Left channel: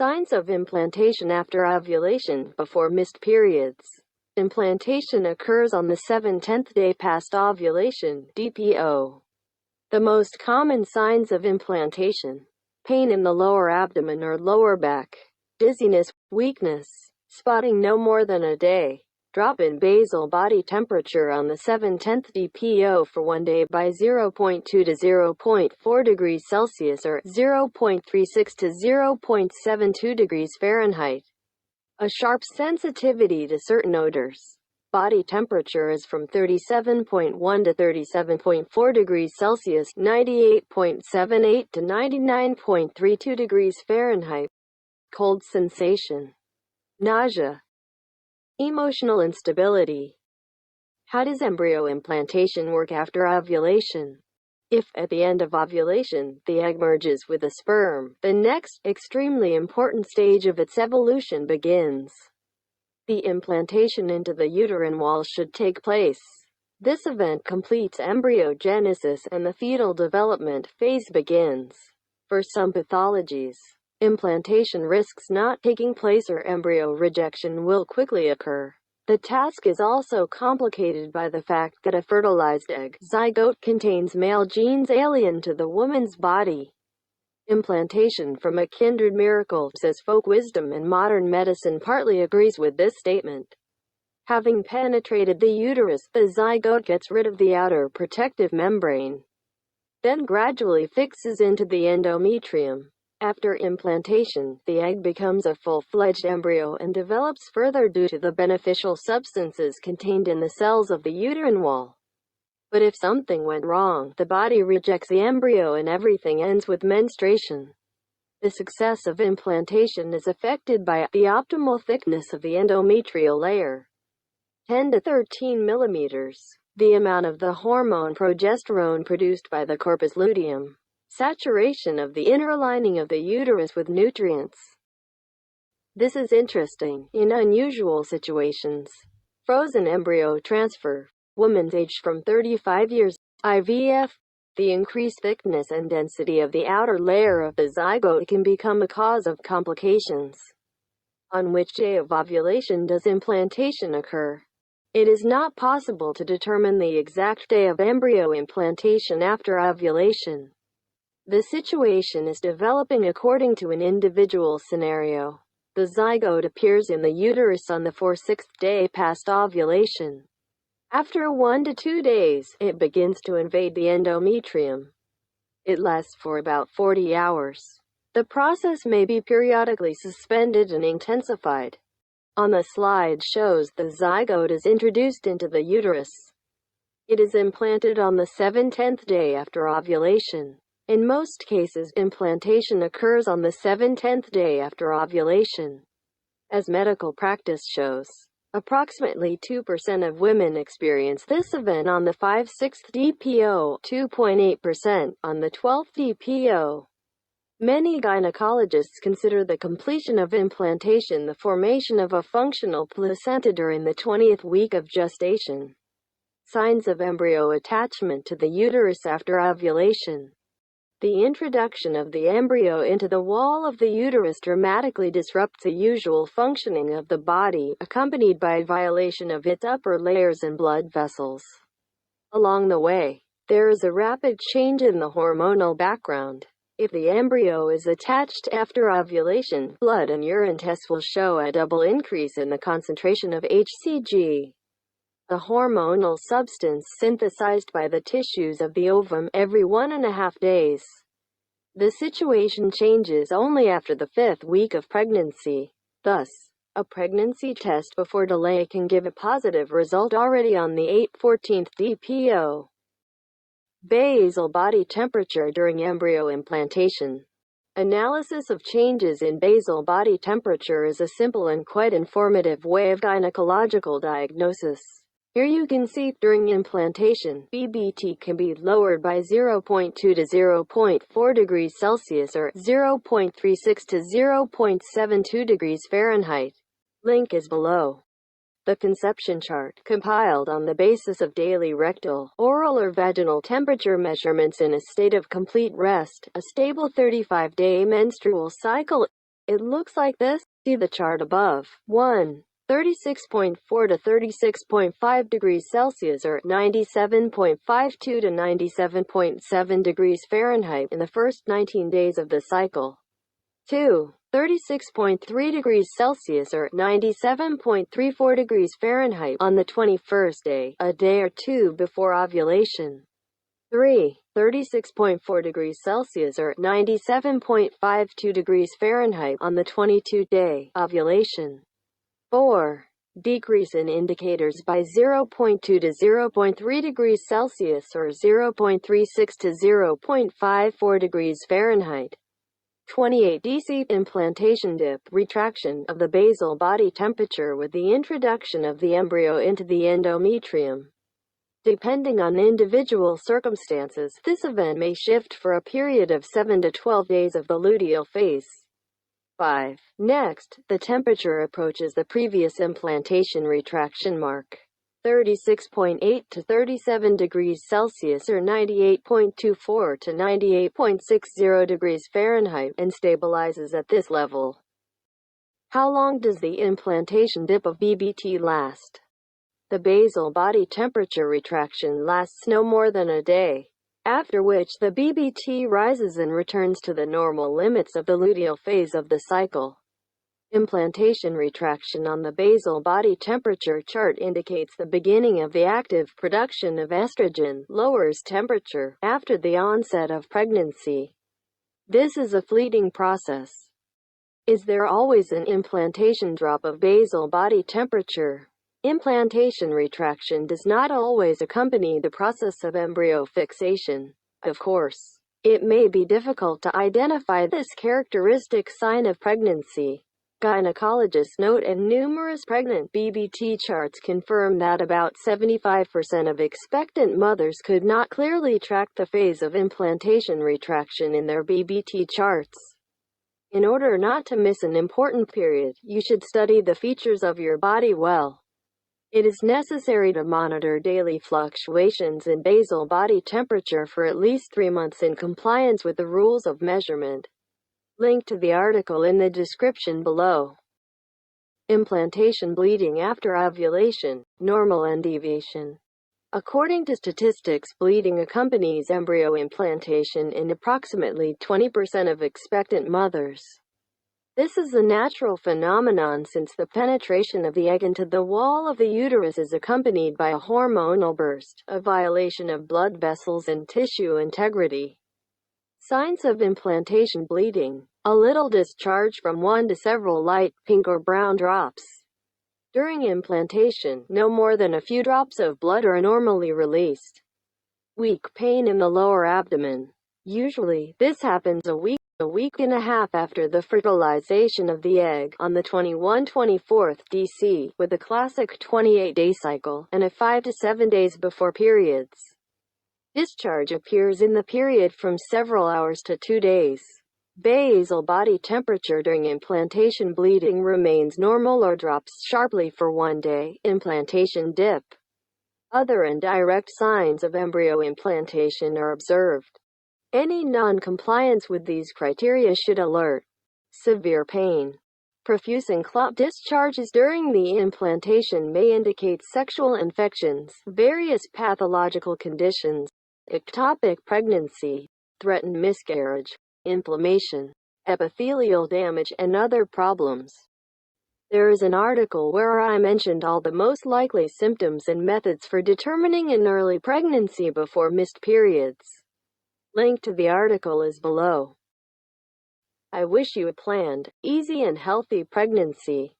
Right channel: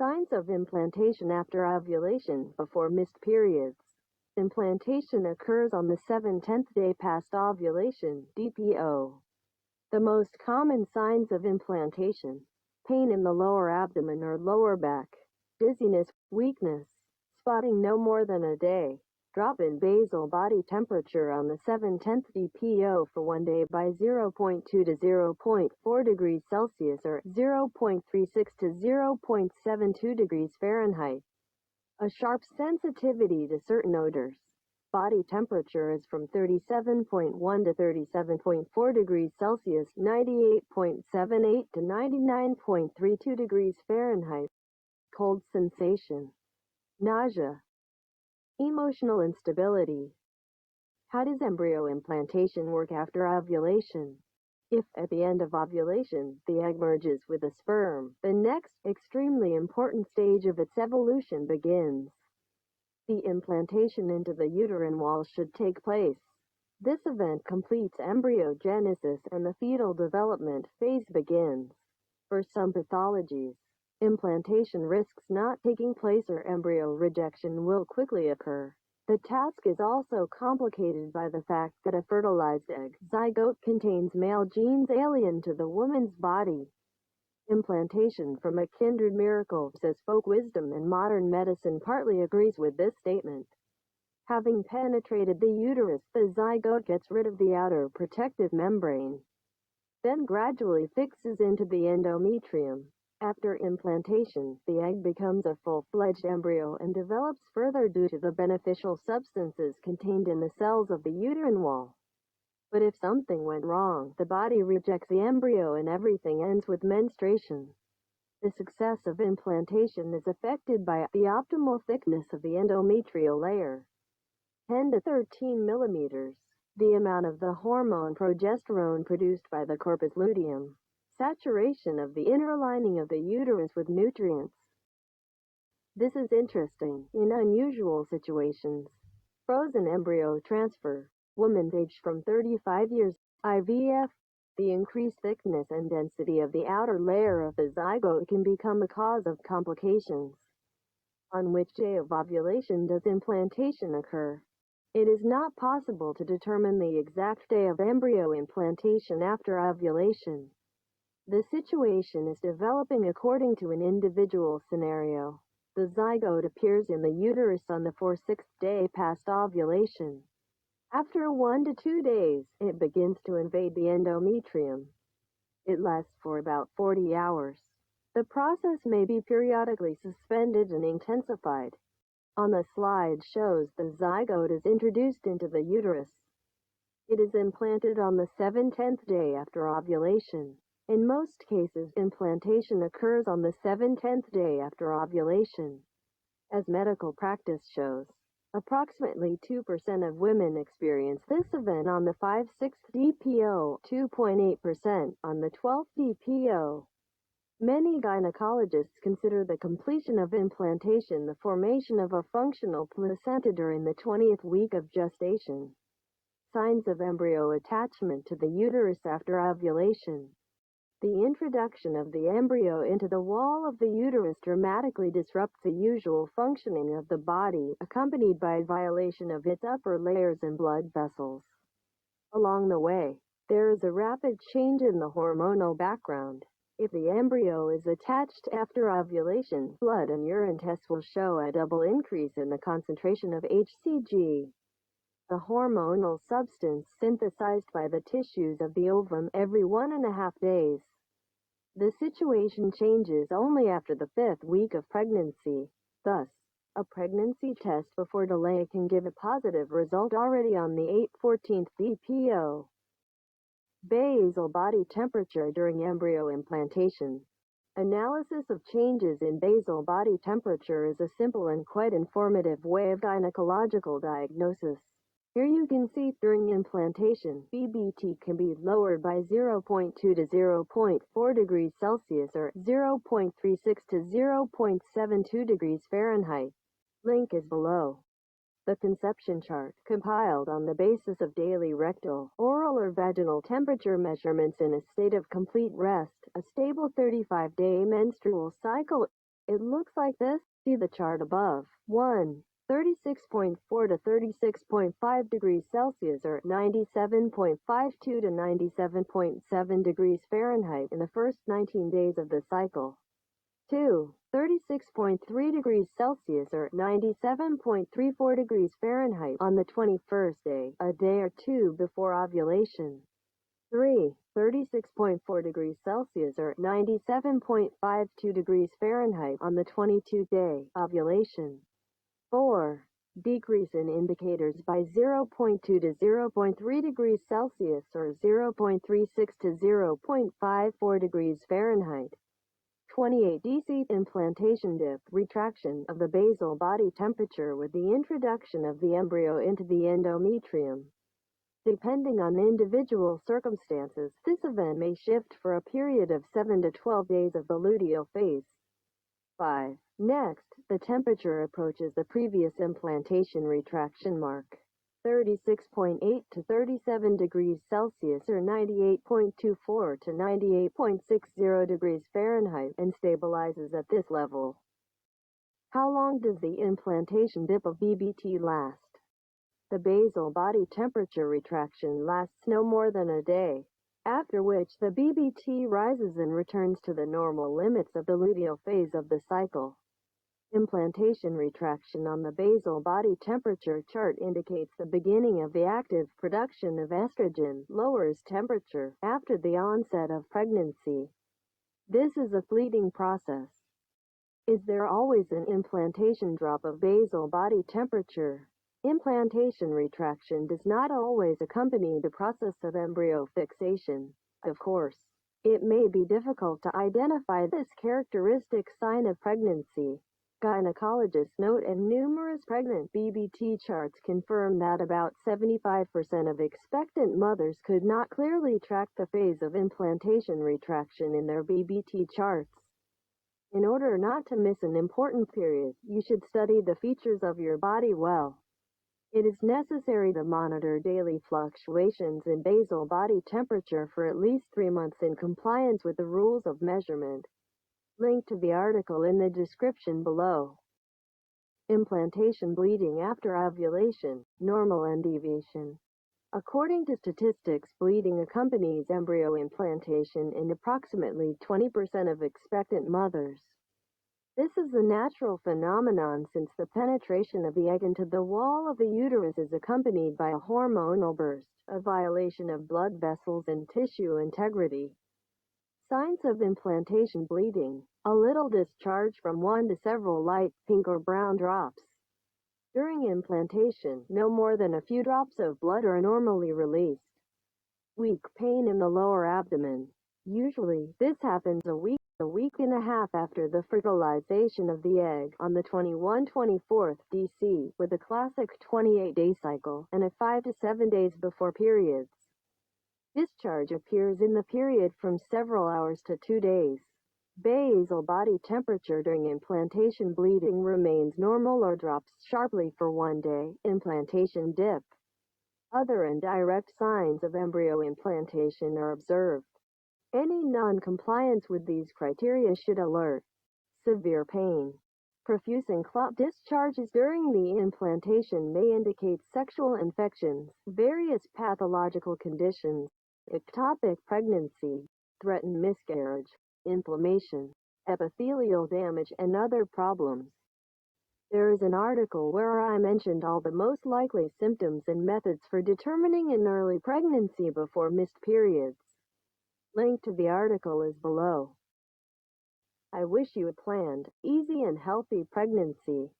Signs of implantation after ovulation, before missed periods. Implantation occurs on the 7/10th day past ovulation, DPO. The most common signs of implantation: pain in the lower abdomen or lower back, dizziness, weakness, spotting no more than a day, drop in basal body temperature on the 7/10th DPO for 1 day by 0.2 to 0.4 degrees Celsius or 0.36 to 0.72 degrees Fahrenheit. A sharp sensitivity to certain odors. Body temperature is from 37.1 to 37.4 degrees Celsius, 98.78 to 99.32 degrees Fahrenheit. Cold sensation. Nausea. Emotional instability. How does embryo implantation work after ovulation? If, at the end of ovulation, the egg merges with the sperm, the next, extremely important stage of its evolution begins. The implantation into the uterine wall should take place. This event completes embryogenesis and the fetal development phase begins. For some pathologies, implantation risks not taking place or embryo rejection will quickly occur. The task is also complicated by the fact that a fertilized egg zygote contains male genes alien to the woman's body. Implantation from a kindred miracle, says folk wisdom, and modern medicine partly agrees with this statement. Having penetrated the uterus, the zygote gets rid of the outer protective membrane, then gradually fixes into the endometrium. After implantation, the egg becomes a full-fledged embryo and develops further due to the beneficial substances contained in the cells of the uterine wall. But if something went wrong, the body rejects the embryo and everything ends with menstruation. The success of implantation is affected by the optimal thickness of the endometrial layer. 10 to 13 millimeters. The amount of the hormone progesterone produced by the corpus luteum. Saturation of the inner lining of the uterus with nutrients. This is interesting in unusual situations. Frozen embryo transfer. Women aged from 35 years. IVF. The increased thickness and density of the outer layer of the zygote can become a cause of complications. On which day of ovulation does implantation occur? It is not possible to determine the exact day of embryo implantation after ovulation. The situation is developing according to an individual scenario. The zygote appears in the uterus on the 4/6th day past ovulation. After 1 to 2 days, it begins to invade the endometrium. It lasts for about 40 hours. The process may be periodically suspended and intensified. On the slide shows the zygote is introduced into the uterus. It is implanted on the 7/10th day after ovulation. In most cases, implantation occurs on the 7/10th day after ovulation. As medical practice shows, approximately 2% of women experience this event on the 5/6th DPO, 2.8% on the 12th DPO. Many gynecologists consider the completion of implantation the formation of a functional placenta during the 20th week of gestation. Signs of embryo attachment to the uterus after ovulation. The introduction of the embryo into the wall of the uterus dramatically disrupts the usual functioning of the body, accompanied by violation of its upper layers and blood vessels. Along the way, there is a rapid change in the hormonal background. If the embryo is attached after ovulation, blood and urine tests will show a double increase in the concentration of HCG, the hormonal substance synthesized by the tissues of the ovum, every 1.5 days. The situation changes only after the 5th week of pregnancy. Thus, a pregnancy test before delay can give a positive result already on the 8/14th DPO. Basal body temperature during embryo implantation. Analysis of changes in basal body temperature is a simple and quite informative way of gynecological diagnosis. Here you can see, during implantation, BBT can be lowered by 0.2 to 0.4 degrees Celsius or 0.36 to 0.72 degrees Fahrenheit. Link is below. The conception chart, compiled on the basis of daily rectal, oral or vaginal temperature measurements in a state of complete rest, a stable 35-day menstrual cycle, It looks like this. See the chart above. 1. 36.4 to 36.5 degrees Celsius or 97.52 to 97.7 degrees Fahrenheit in the first 19 days of the cycle. 2. 36.3 degrees Celsius or 97.34 degrees Fahrenheit on the 21st day, a day or two before ovulation. 3. 36.4 degrees Celsius or 97.52 degrees Fahrenheit on the 22nd day, ovulation. 4. Decrease in indicators by 0.2 to 0.3 degrees Celsius or 0.36 to 0.54 degrees Fahrenheit. 28. DC implantation dip, retraction of the basal body temperature with the introduction of the embryo into the endometrium. Depending on individual circumstances, this event may shift for a period of 7 to 12 days of the luteal phase. 5. Next, the temperature approaches the previous implantation retraction mark, 36.8 to 37 degrees Celsius or 98.24 to 98.60 degrees Fahrenheit, and stabilizes at this level. How long does the implantation dip of BBT last? The basal body temperature retraction lasts no more than a day, after which the BBT rises and returns to the normal limits of the luteal phase of the cycle. Implantation retraction on the basal body temperature chart indicates the beginning of the active production of estrogen, lowers temperature after the onset of pregnancy. This is a fleeting process. Is there always an implantation drop of basal body temperature? Implantation retraction does not always accompany the process of embryo fixation. Of course, it may be difficult to identify this characteristic sign of pregnancy. Gynecologists note, and numerous pregnant BBT charts confirm that about 75% of expectant mothers could not clearly track the phase of implantation retraction in their BBT charts. In order not to miss an important period, you should study the features of your body well. It is necessary to monitor daily fluctuations in basal body temperature for at least 3 months in compliance with the rules of measurement. Link to the article in the description below. Implantation bleeding after ovulation, normal and deviation. According to statistics, bleeding accompanies embryo implantation in approximately 20% of expectant mothers. This is a natural phenomenon since the penetration of the egg into the wall of the uterus is accompanied by a hormonal burst, a violation of blood vessels and tissue integrity. Signs of implantation bleeding: a little discharge from 1 to several light pink or brown drops. During implantation, no more than a few drops of blood are normally released. Weak pain in the lower abdomen. Usually, this happens a week and a half after the fertilization of the egg, on the 21-24th DC, with a classic 28-day cycle, and a 5 to 7 days before periods. Discharge appears in the period from several hours to 2 days. Basal body temperature during implantation bleeding remains normal or drops sharply for 1 day. Implantation dip. Other indirect signs of embryo implantation are observed. Any non-compliance with these criteria should alert. Severe pain. Profuse and clot discharges during the implantation may indicate sexual infections, various pathological conditions, ectopic pregnancy, threatened miscarriage, inflammation, epithelial damage, and other problems. There is an article where I mentioned all the most likely symptoms and methods for determining an early pregnancy before missed periods. Link to the article is below. I wish you a planned, easy and healthy pregnancy.